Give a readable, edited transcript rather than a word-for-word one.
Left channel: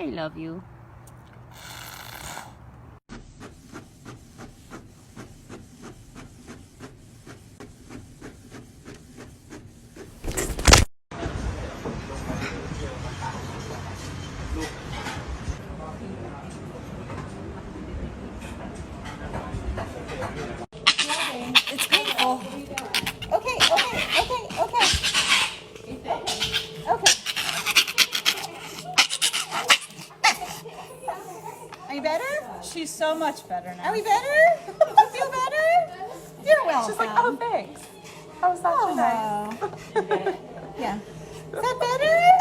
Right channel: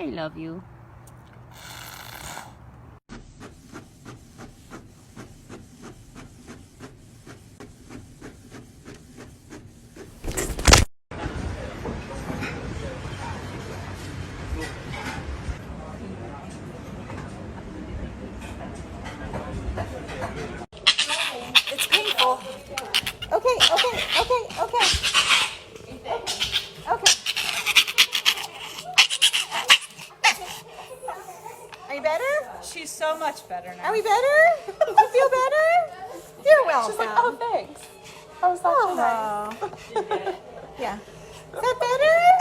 I love you. It's painful. Okay. Are you better? She's so much better now. Are we better? You feel better? You're welcome. She's like, oh, thanks. How was that tonight? Yeah. Is that better?